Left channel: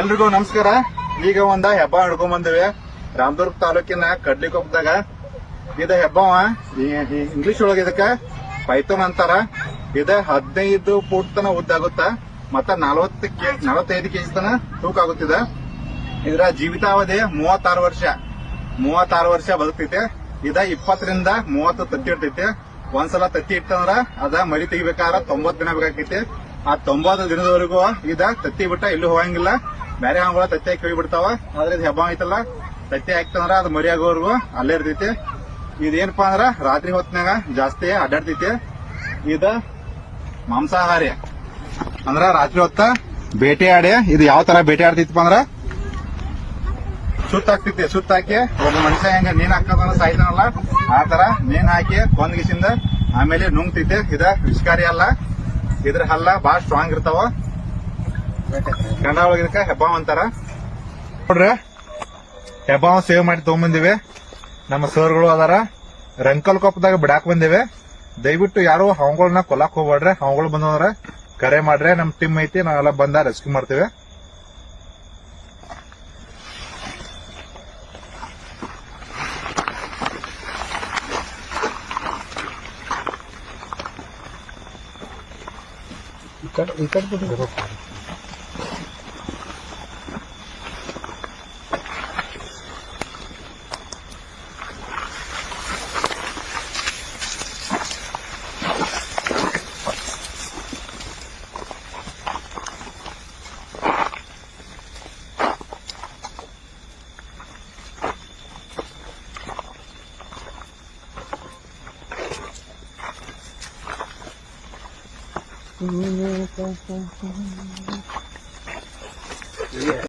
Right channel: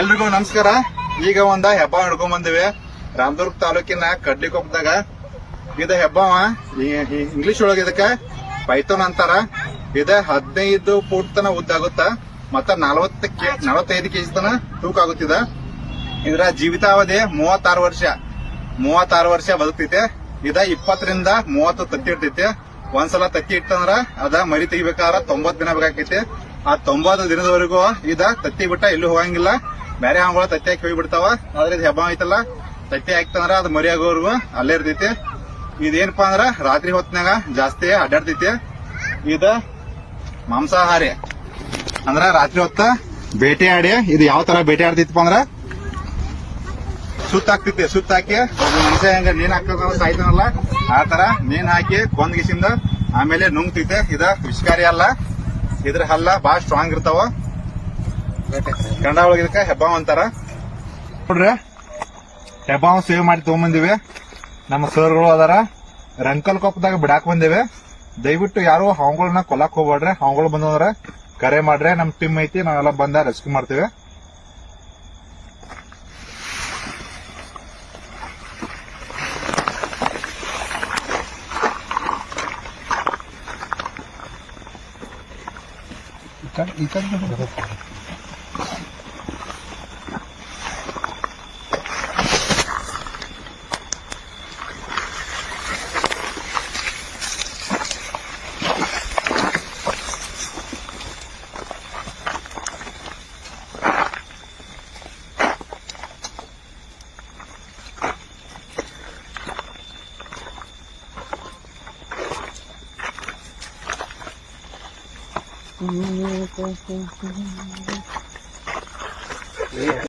ಎಲ್ರಿಗೂ ನಮಸ್ಕಾರ. ಈಗ ಒಂದ ಹೆಬ್ಬ ಹಿಡ್ಕೊಂಡ್ ಬಂದಿವಿ ರಾಮದುರ್ಗ ತಾಲೂಕಿನ ಕಡ್ಲಿಕೊಪ್ಪದಾಗ. ಇದ ಹೆಬ್ಬವ ಇಂಗ್ಲಿಷ್ ಒಳಗ ಇದಕ್ಕ ಪೈಥೋನ್ ಅಂತಾರ. ಇದ 15 ಫೂಟ್ ತನ ಉದ್ದಾಗುತ್ತ ಮತ್ತ 45 ಕೆಜಿ ತನ ತೂಕ ಆಗುತ್ತಿದ. ಇದರ ಜೀವಿತಾವಧಿ 36 ವರ್ಷ ಬದುಕ್ತೈತೆ. ಇದ 20 ರಿಂದ 30 ತತ್ತಿ ಇಡ್ತೈತೆ. ಒಂದ್ಸಲ ತತ್ತಿ ಇಟ್ಟಂದ್ರ ಅದ ಮರಿ ತೆಗಿಬೇಕಾದ್ರ 90 ದಿನ ಬೇಕಾಕೈತಿ. ಆ 90 ದಿನದವರೆಗೂ ಇದ ತತ್ತಿ ಬಿಟ್ಟ ಎಲ್ಲೂ ಹೋಗಂಗಿಲ್ಲ. ಬೇರೆ ಹಂಗಳ ತತ್ತಿ ಹಾಕಿ ಹೋಗಿ ಬಿಡ್ತಾವ. ಆದ್ರೆ ಇದು ಹೆಬ್ಬ ಐತಲ್ಲ, ತತ್ತಿ ಹಾಕ್ತಂದ್ರ ಅದ್ ಮರಿ ಆಗೋವರೆಗೂ ಅಲ್ಲೇ ಇರ್ತೈತಿ. ಇದೇನಪ್ಪಾ ಅಂದ್ರ ರಾತ್ರಿ ಹೊತ್ನಾಗ ಜಾಸ್ತಿ ಅಡ್ಡಾಡ್ತೈತಿ. ಇದ ಮಾಂಸಾಹಾರಿ ಅಂದ್ರ ರಾತ್ರಿ ಹೊತ್ತ ಬೇಟೆ ಆಡಿ ಇದು ಯಾವ ತರ ಬೇಟೆ ಆಡ್ತೈತಿಪ್ಪ ಅಂದ್ರ ಸುತ್ತ ಹಾಕ್ತೈತಿ. ಸುತ್ತ ಹಾಕಿ ಒಬ್ಬ ಮನುಷ್ಯ ಹೆಂಗ ನೀನ್ ಹಾಕ್ತಂದ್ರ ಸಾಯ್ತಾನಲ್ಲ ಆ ತರ ನೀನ್ ಹಾಕಿ ಕೊಂದ್ಗಿಸಿಂದ ಆಮೇಲೆ ನುಂಗ್ತೈತೆ. ಇದ ವಿಷಕಾರಿ ಅಲ್ಲ, ಇದ್ರ ಹಲ್ಲ ಬಾಳ ಸ್ಟ್ರಾಂಗ್ ಇರ್ತಾವ. ಕನ್ನಡ ಒಳಗ ಇದಕ್ಕ ಹೆಬ್ಬಾವ್ ಅಂತಾರ. ನೋಡ್ರಿ, ಹೆಬ್ಬಾವ್ ಸೇವ್ ಮಾಡಿ ತಗೊಂಬಂದಿವಿ. ನಮ್ಮ ಸರ್ಗಳು ಅದಾರ. ರಂಕಲ್ ಕೊಪ್ಪದಾಗ ಬಿಡಾಕ್ ಬಂದಿವಿ. ದಯವಿಟ್ಟು ಯಾರು ಹಾವುಗಳನ್ನ ಕೊಲ್ಲಾಕ್ ಹೋಗ್ಬೇಡ್ರಿ. ಹಾವುಗಳು ಬಂದ್ರ ಕರೆ ಮಾಡ್ರೆ, ನಮ್ ಟೀಮ್ ಐತಿ, ನಾವೆಲ್ಲ ಬಂದ ರೆಸ್ಕ್ಯೂ ಮಾಡ್ತೇವೆ. ಈ ಕಡೆ